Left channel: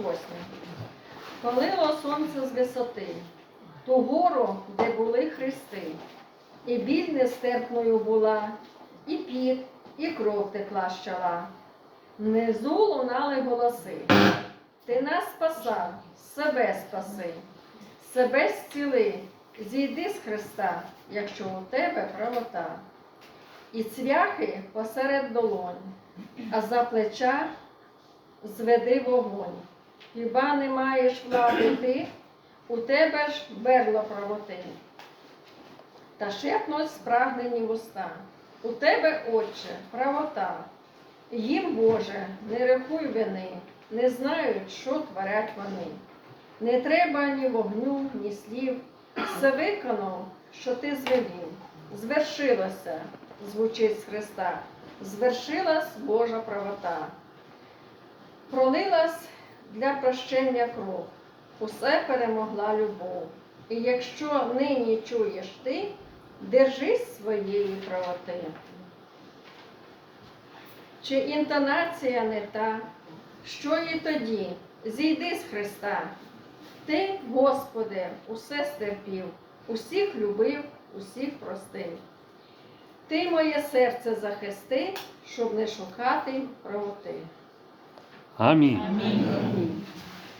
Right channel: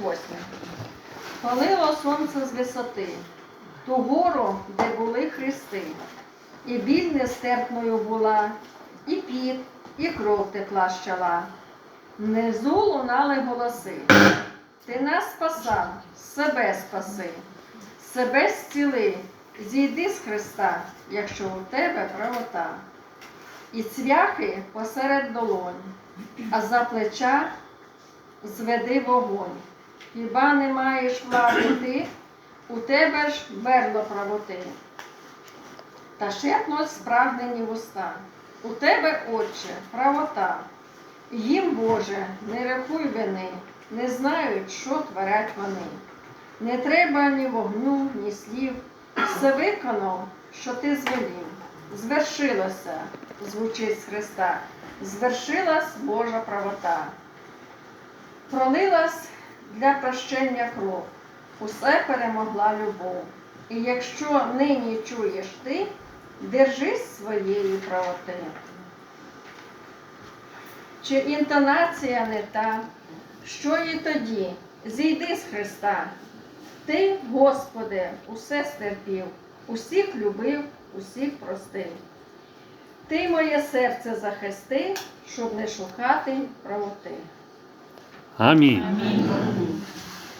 восьмий. Палило сонце з висоти, ту гору, де були хрести, і біль нестерпною була, і піт, і кров текла з чола. Внизу лунали голоси. Ти нас спасав, себе спаси, себе зціли, зійди з Христа, якщо у тебе правота. І цвяхи посеред долонь, а за плеча зведи вогонь. Хіба не маєш влади ти, у тебе ж берло правоти. Та шепнуть спрагнені вуста. У тебе, Отче, правота. Їм, Боже, не рахуй вини, не знають, що творять вони. Не треба ні вогню, ні слів. Все виконав, що ти звелів. Звершилося, звучить з Христа, звершилась Божа правота. Пролилась для прощення кров, усе перемогла любов. І якщо нині чуєш ти, держись своєї правоти. Чи інтонація не та, що і тоді, зійди з Христа. Ти, Господи, усе стерпів, усіх любив, усіх простив. Ти моє серце захисти, щоб не шукати правоти. Амінь. Амінь.